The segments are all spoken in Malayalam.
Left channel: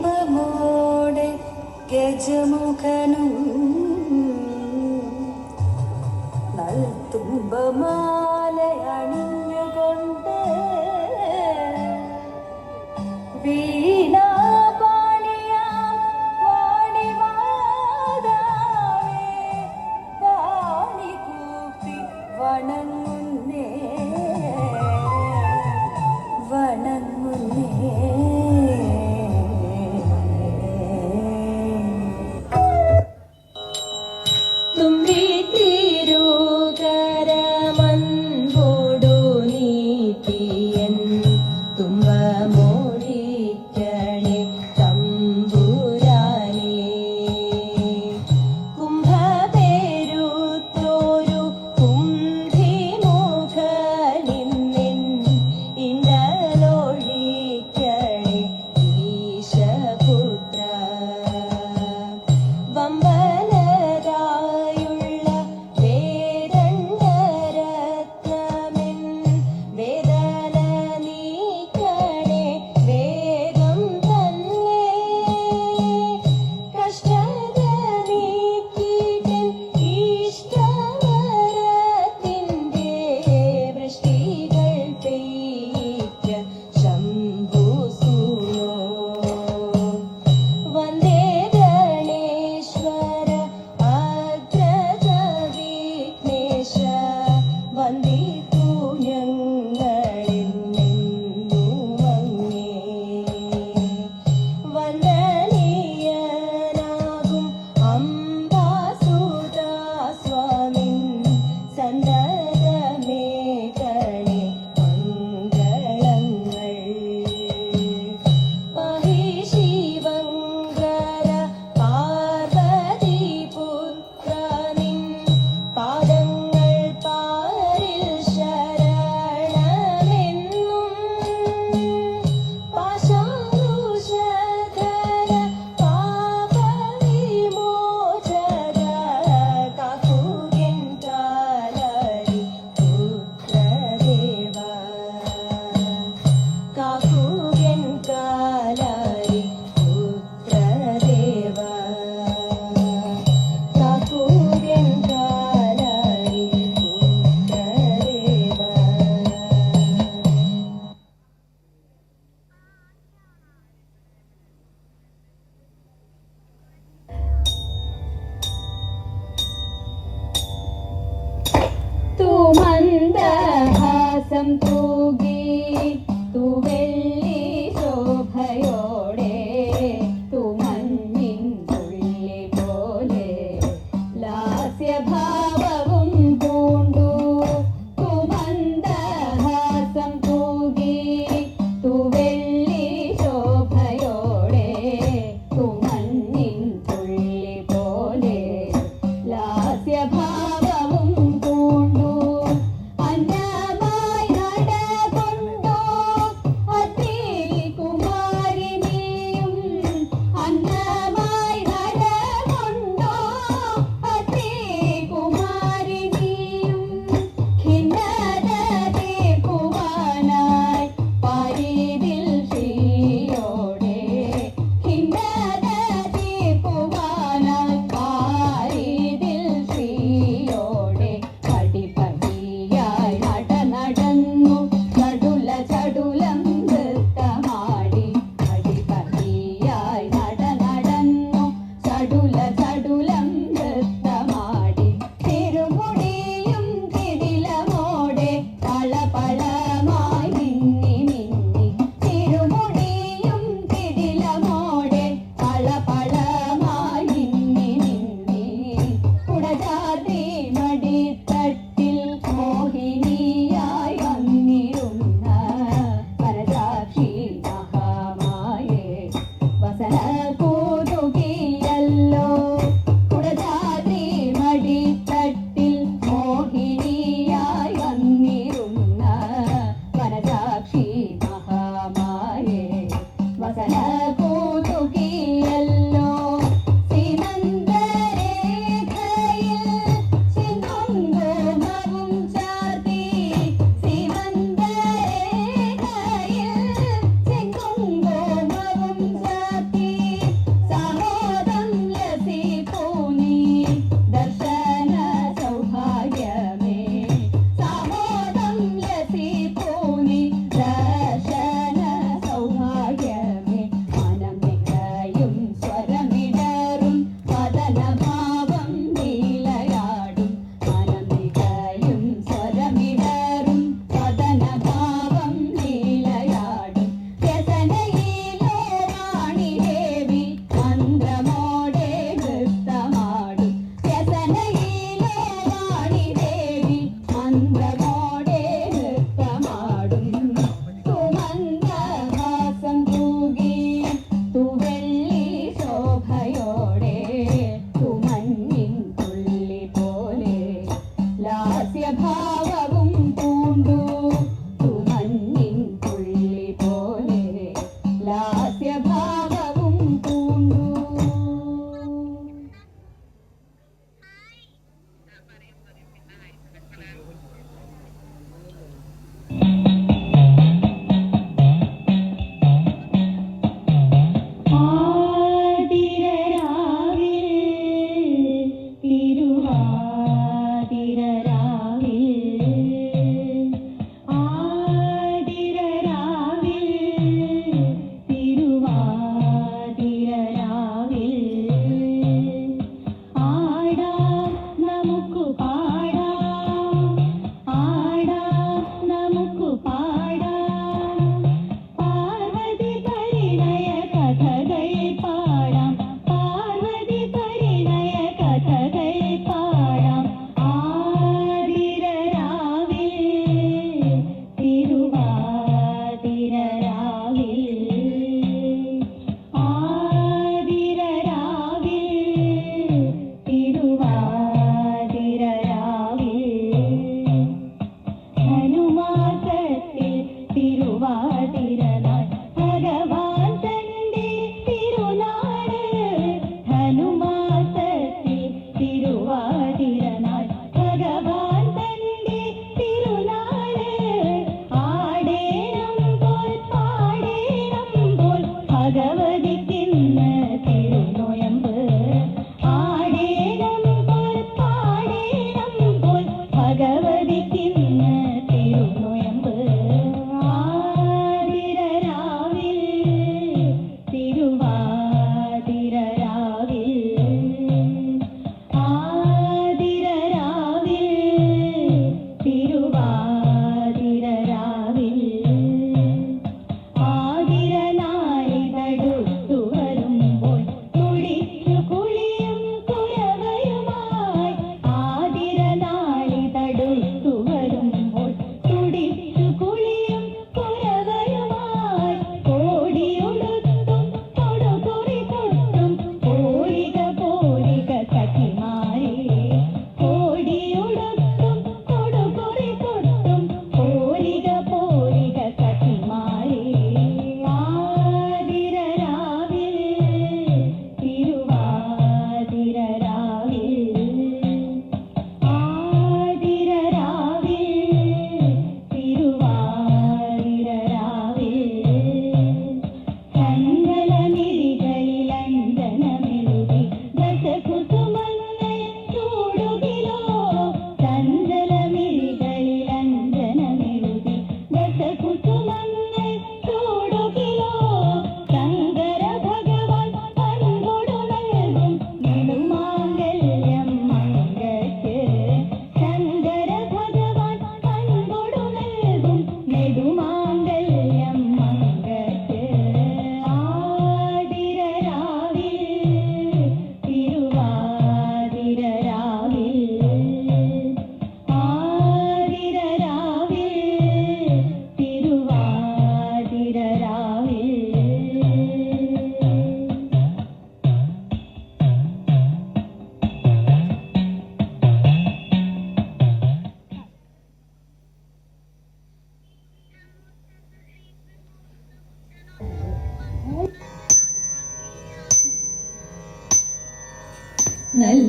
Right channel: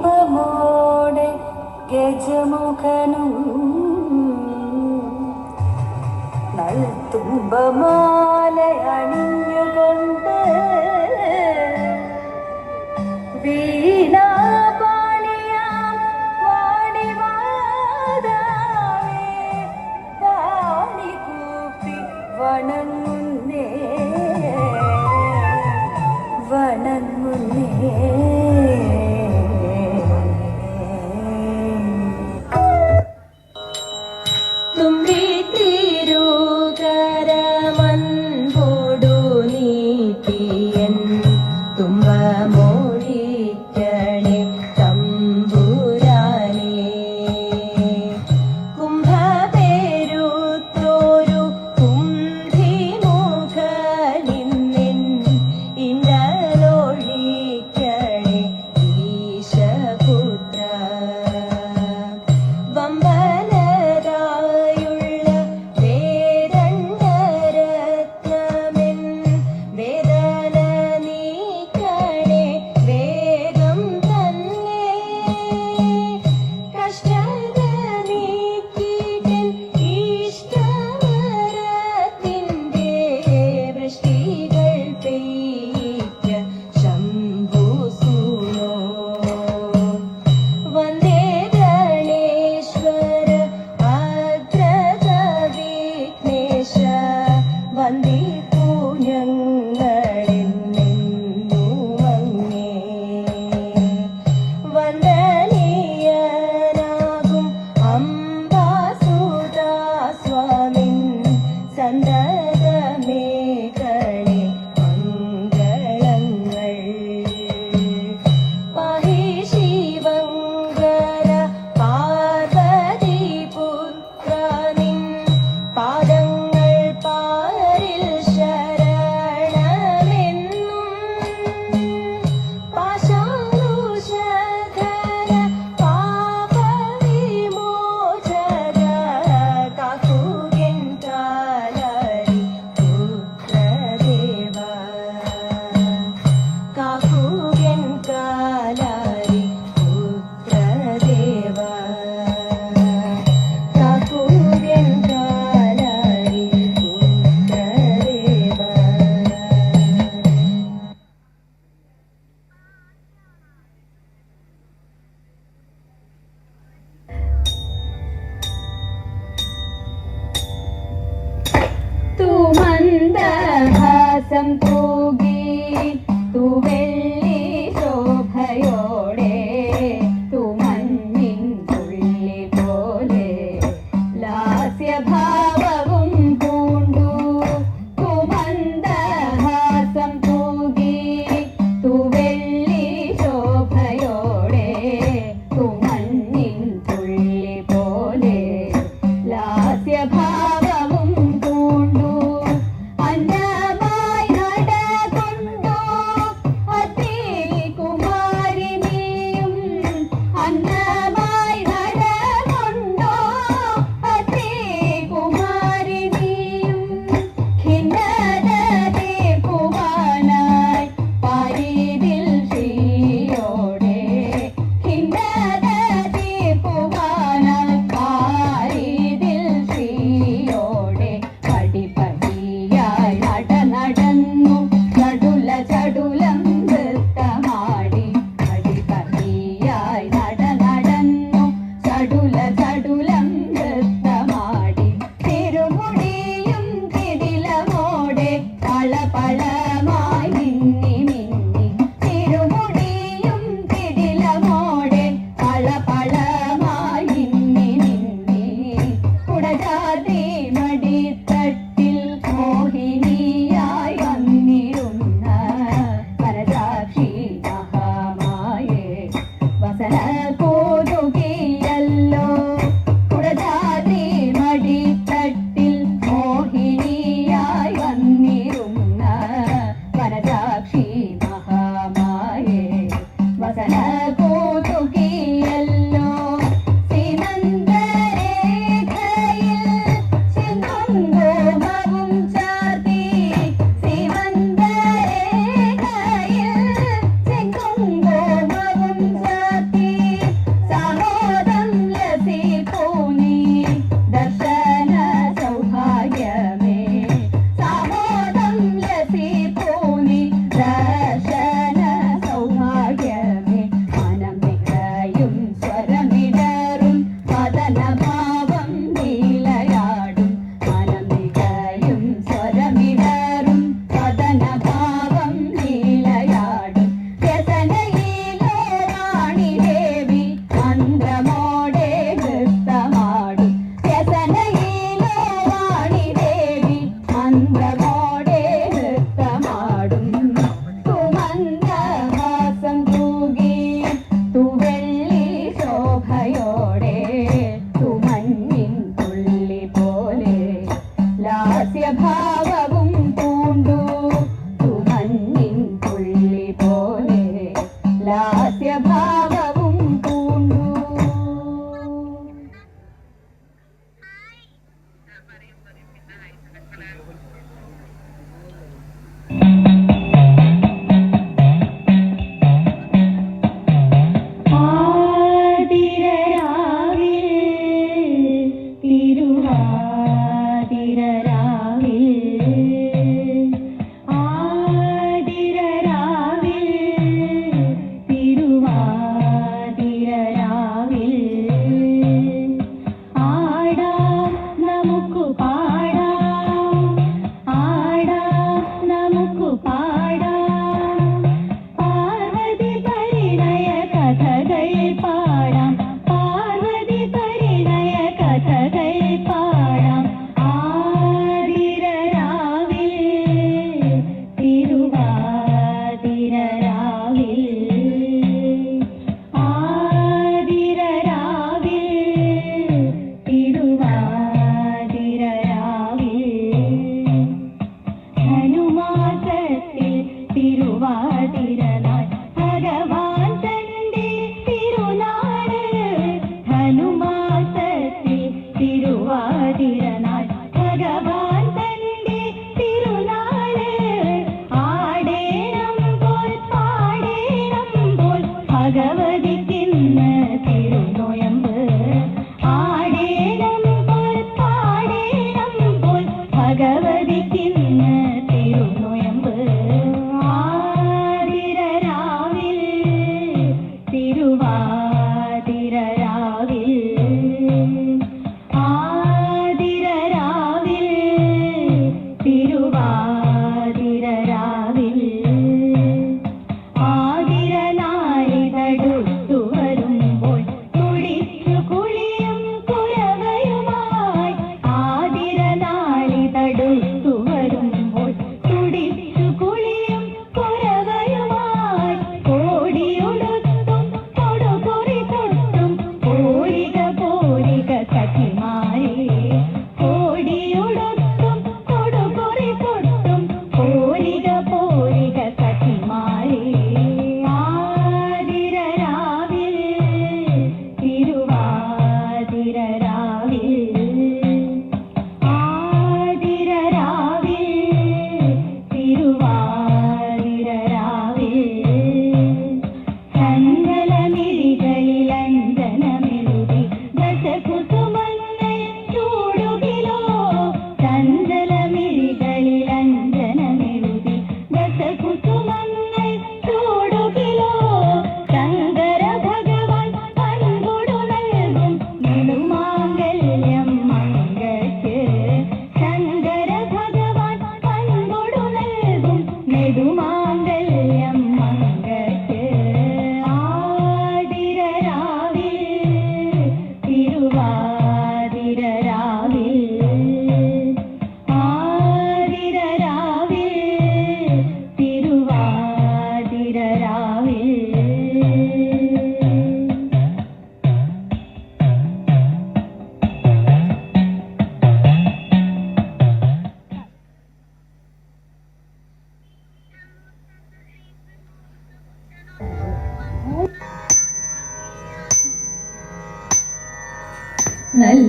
ഇമ്പമോടെ ഗജമുഖനും നൽത്തുമ്പമാല അണിഞ്ഞുകൊണ്ട് വീണാപാണിയാം വാണിവാദാവേ പാണി കൂപ്പി വണങ്ങുന്നേ വണങ്ങുന്നേ. തുമ്പി തിരുകരമന്ന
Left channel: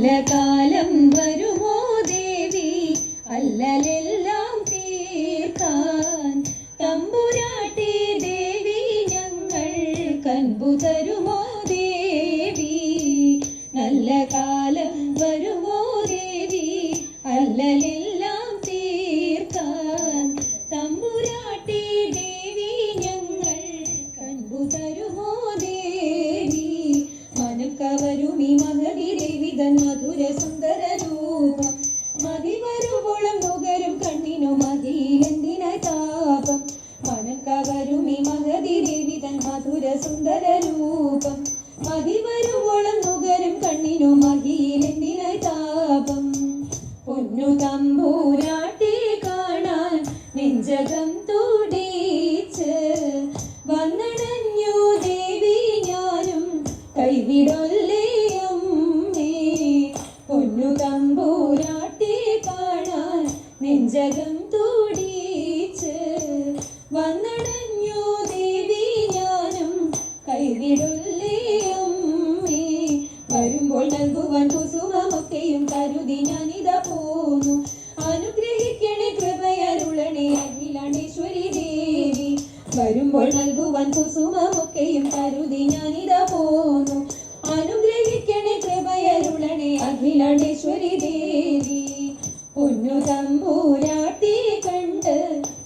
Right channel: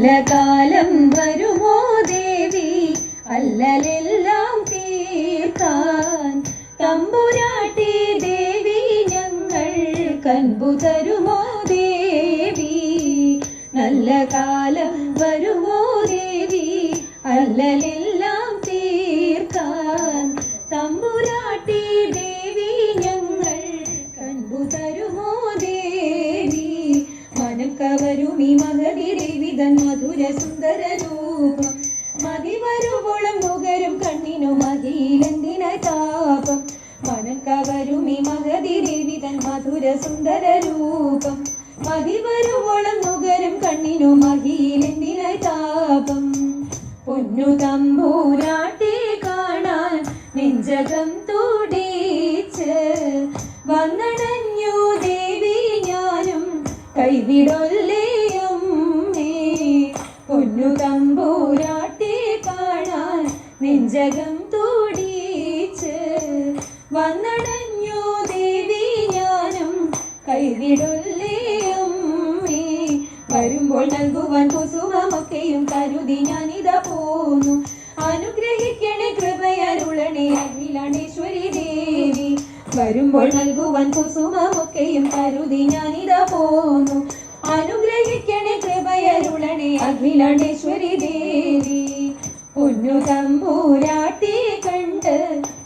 നല്ല കാലം വരുമോ ദേവി അല്ലലെല്ലാം തീർക്കാൻ തമ്പുരാട്ടി ദേവി ഞങ്ങൾ കൻപു തരുമോ ദേവി നല്ല കാലം വരുമോ ദേവി അല്ലലെല്ലാം തീർക്കാൻ തമ്പുരാട്ടി ദേവി ഞങ്ങൾ കൻപു തരുമോ ദേവി മനം കവരും ഈ മഹതി ദേവി തൻ മധുര സുന്ദര രൂപം മതി വരുമ്പോഴും നുകരും കണ്ണിനു മതിയിലെന്തിന താപം മനം കവരും ഈ മഹതി ദേവി തൻ മധുര സുന്ദര രൂപം മതി വരുമ്പോഴും നുകരും കണ്ണിനു മതിയിലെന്തിന താപം പൊന്നു തമ്പൂരാട്ടി കാണാൻ നെഞ്ചകം തുടിച്ച് വന്നടഞ്ഞു ദേവി ഞാനും കൈവിടൊല്ലേയും പൊന്നു തമ്പൂരാട്ടി കാണാൻ നെഞ്ചകം തുടിച്ച് വന്നടഞ്ഞു ദേവി ഞാനും കൈവിടൊല്ലേയും വരുമ്പോൾ നൽകുവാൻ കുസുമമൊക്കെയും കരുതി ഞാനിതാ പോന്നു അനുഗ്രഹിക്കണേ കൃപയരുളണേ അഖിലാണ്ടേശ്വരി ദേവി വരുമ്പോൾ നൽകുവാൻ കുസുമമൊക്കെയും കരുതി ഞാനിതാ പോന്നു അനുഗ്രഹിക്കണേ കൃപയരുളണേ അഖിലാണ്ടേശ്വരി ദേവി പൊന്നു തമ്പൂരാട്ടി കണ്ട്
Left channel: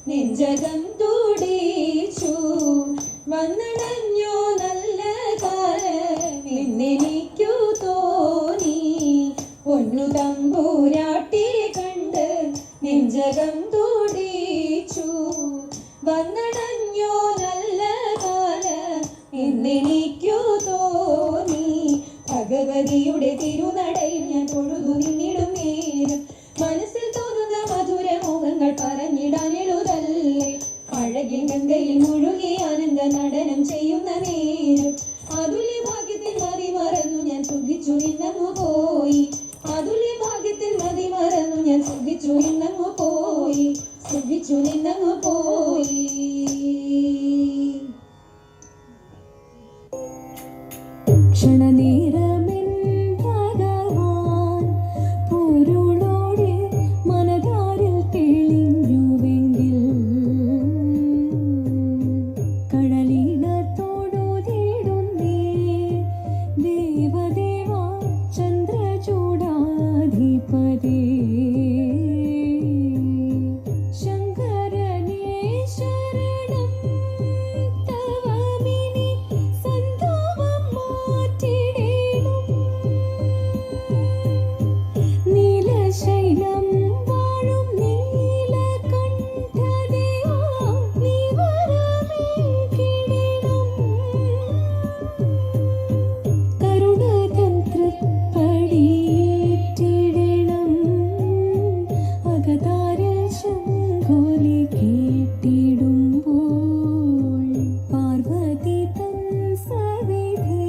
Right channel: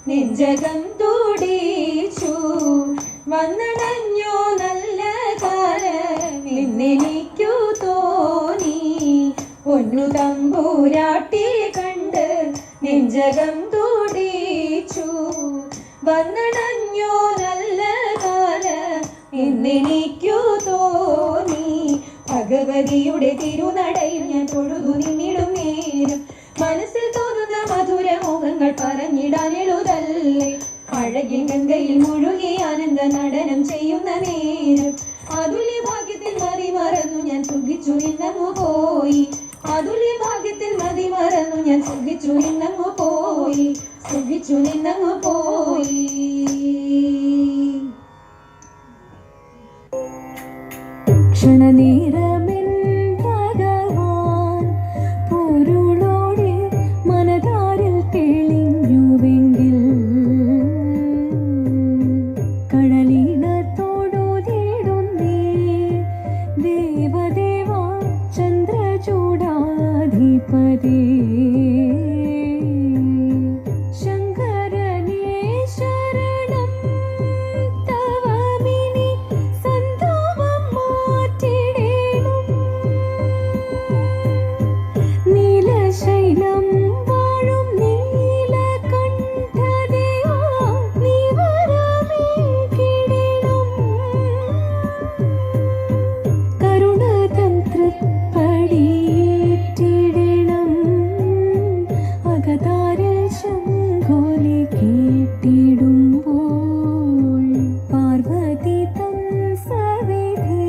നെഞ്ചകം തുടിച്ചു വന്നടഞ്ഞോ നല്ല കാലം എന്നെനിക്കു തോന്നി പൊന്നു തമ്പൂരാട്ടി കണ്ട് നെഞ്ചകം തുടിച്ചു വന്നടഞ്ഞോ നല്ല കാലം എന്നെനിക്കു തോന്നി ഭഗവതിയുടെ തിരുനടയിൽ ഞാൻ തൊഴുതു നിന്നിടും നേരം മനസ്സിൽ തോന്നുന്ന മധുര മോഹങ്ങൾ പറഞ്ഞിടാൻ എഴുതല്ലേ അഴകിൽ ഗംഗയിൽ മുഴുകി ആനന്ദ നടനം ചെയ്യുന്ന നേരം അതുല്യ ഭാഗ്യത്തിൽ മതി മറന്നു ഞാൻ സുഖിച്ചു നിന്നങ്ങു പോയി അതുല്യ ഭാഗ്യത്തിൽ മതി മറന്നു ഞാൻ സുഖിച്ചു നിന്നങ്ങു പോയി സുഖിച്ചു നിന്നങ്ങു പോയി ക്ഷണനേരമെൻ ഭഗവാൻ പൊരുളോടെ മനതാരിൽ തെളിഞ്ഞുവെങ്കിൽ കടലിനത്തോടു തേടുന്നേ ദേവദേവാ ചന്ദ്രചൂടാധിപതി ശങ്കരനേ ശരണം തവമിനി സന്താപം മാറ്റിടേണം നീലശൈലം വാഴും നീലകണ്ഠദേവാ നീ വരമേകിടേണം കരുണതൻ തൃപ്പടിയേറ്റിടേണം അകതാരിൽ ശംഖോലി കേട്ടിടുമ്പോൾ പാർവതി തൻ സവിധി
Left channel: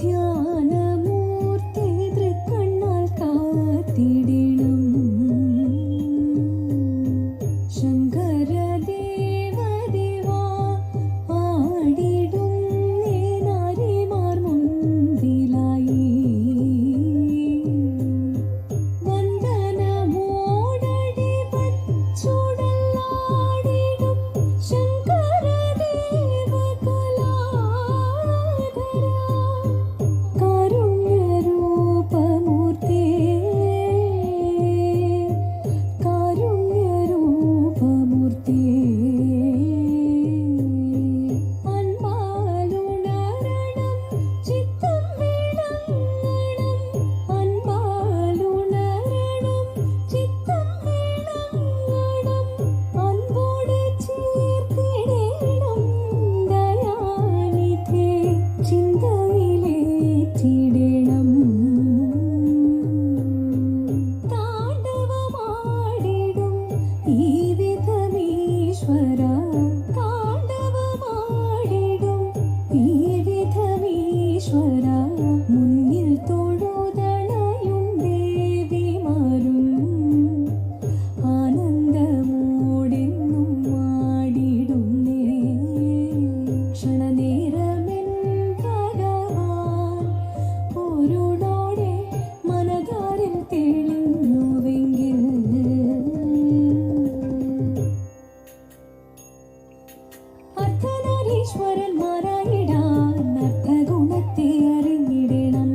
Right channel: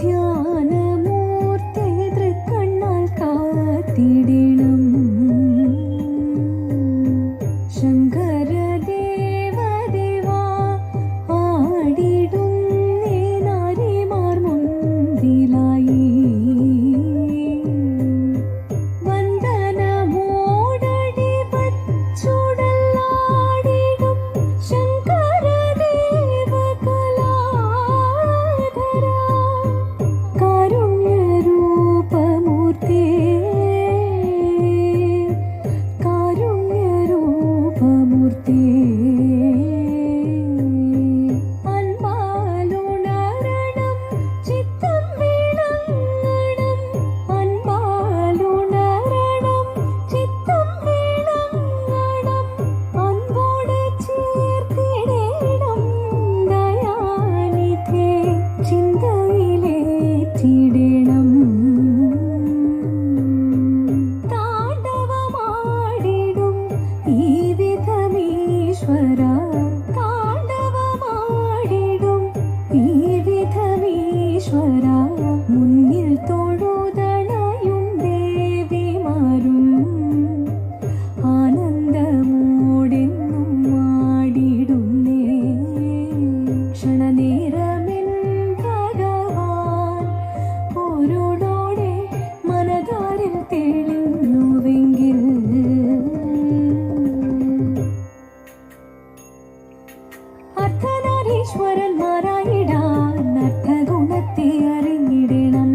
ധ്യാനമൂർത്തി തൃക്കണ്ണാൽ കാത്തിടണം ശങ്കരദേവദേവാ ആടിടുന്നേ നാരിമാർ മുൻപിലായി വന്ദനമോടടി വച്ചുടലാടിടും ശങ്കരദേവകലാധരാ കാരുണ്യരൂപമൂർത്തേ കാരുണ്യരൂപമൂർത്തേ അൻപാലുണരണം ചിത്തം വിളങ്ങണം അൻപാലുണരണം ചിത്തം വിളങ്ങണം അൻപോടെ ചേർത്തിടേണം ദയാനിധേ ചിന്തയിലേറ്റിടേണം താണ്ഡവമാടിടും ഈ വിധമീശ്വര താണ്ഡവമാടിടും ഈ വിധമീശ്വര മുന്നിൽ തൊഴുതണയും ദേവിമാരും ആനന്ദമോടെന്നും ആടിടുന്നേ ക്ഷണനേരമെൻ ഭഗവാൻ പൊരുളോടെ മനത അർദ്ധനാരീശ്വരന്മാരായിടാൻ അർത്ഥഗുണത്തെ അറിഞ്ഞിടണം.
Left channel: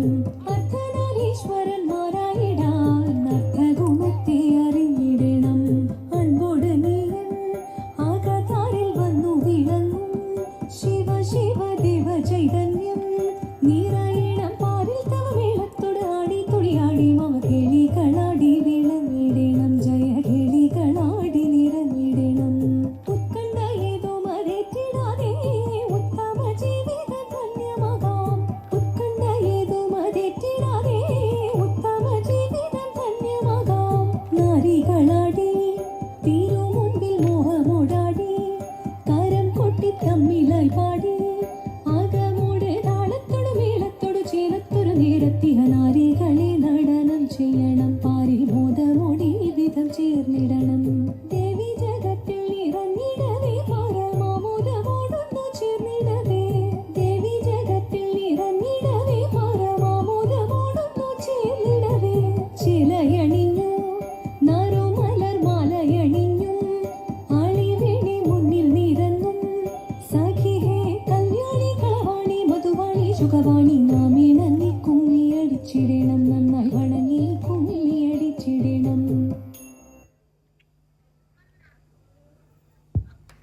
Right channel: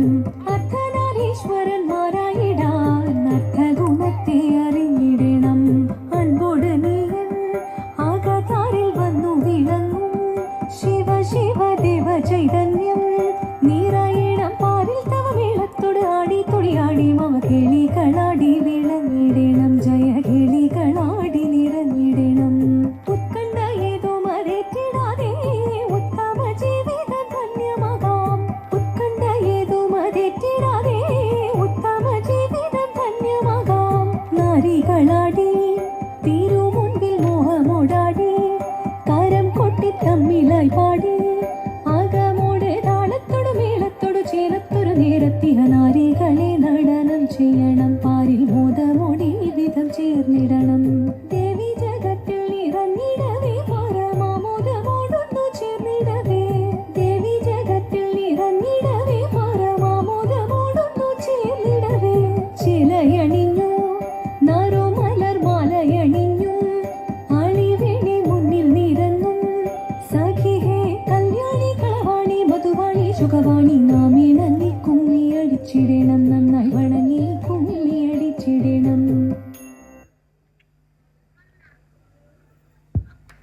അർദ്ധനാരീശ്വരന്മാരായിടാൻ അർത്ഥഗുണത്തെ അറിഞ്ഞിടണം. അൻപോട് നീയൻ ആകാതാരിൽ വന്നു വിളങ്ങും ശിവ ശിവ ദേവ ചൈതന്യം നീറായിടം പാരിൽ തവ മേളത്തോട് ആടി തുടിയാടി മമ കിളികളാടി വിളങ്ങിടണം. ജയ കിളികളാടി നിറഞ്ഞിടണം. ഉത്കണ്ഠ ഏതോ മറേറ്റിടാതെ ഉത്തമ ജീവിതം ധന്യമാകാം. ഉത്കണ്ഠ ഏതോ മറേറ്റിടാതെ ഉത്തമ ജീവിതം ധന്യമാകാം. നാരികളാടി തീരു മുൻപിൽ മോഹമോടാടി കരം കൊട്ടി തമ്മിലായി പാടി ആകമോടെ താളത്തോടു മേളത്തോടു ചേലത്തൊരു നേരത്തിഹ നാരികളെ നടനം ചെയ്യണം. പാരിൽ ബോധമോടി വിധം ചേർന്നിടണം. ദേവി ജഗത്തിൽ നിറഞ്ഞിടവേ പരമാമോദമോടൊന്നു ചേർന്നിടവേ. ദേവി ജഗത്തിൽ നിറഞ്ഞിടവേ പരമാമോദമോടൊന്നു ചേർന്നിടവേ. ചിലയണിഞ്ഞു നാരോ മലർ മാലയണിഞ്ഞു ആളിവേണി മുന്നിൽ നിരങ്ങും സഖിഹേ കല്യാണി കളവാണി മധുവാണി സുഖവാണി നാമേ നന്ദി കുമ്മി അടിച്ചിടണം.